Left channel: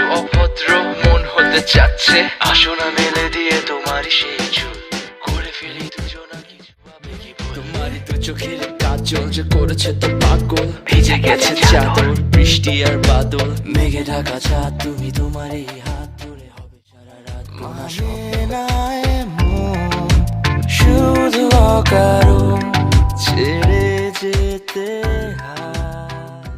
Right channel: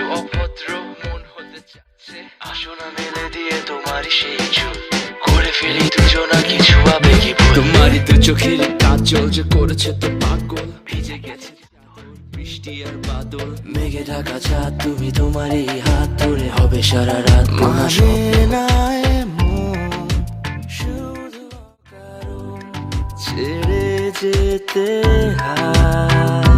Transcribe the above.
একটু অভদ্র মন হতে চাচ্ছে, আসো না মেলে দিয়ে তোমারই সেই চুল, করে ফেলি দুজনা কিছু আবেগী ভুল। তোমারই দু চোখের কাজল যে করেছে তো পাগল, ভেজে গেছে চাদর বৃষ্টি আর বাদল, মেঘে ঢাকা চাঁদ তুমি তোমারই হাত ধরে হবে সারা রাত। মানে না এমন শুধু অকারণ ছেড়ে যেতে হয়।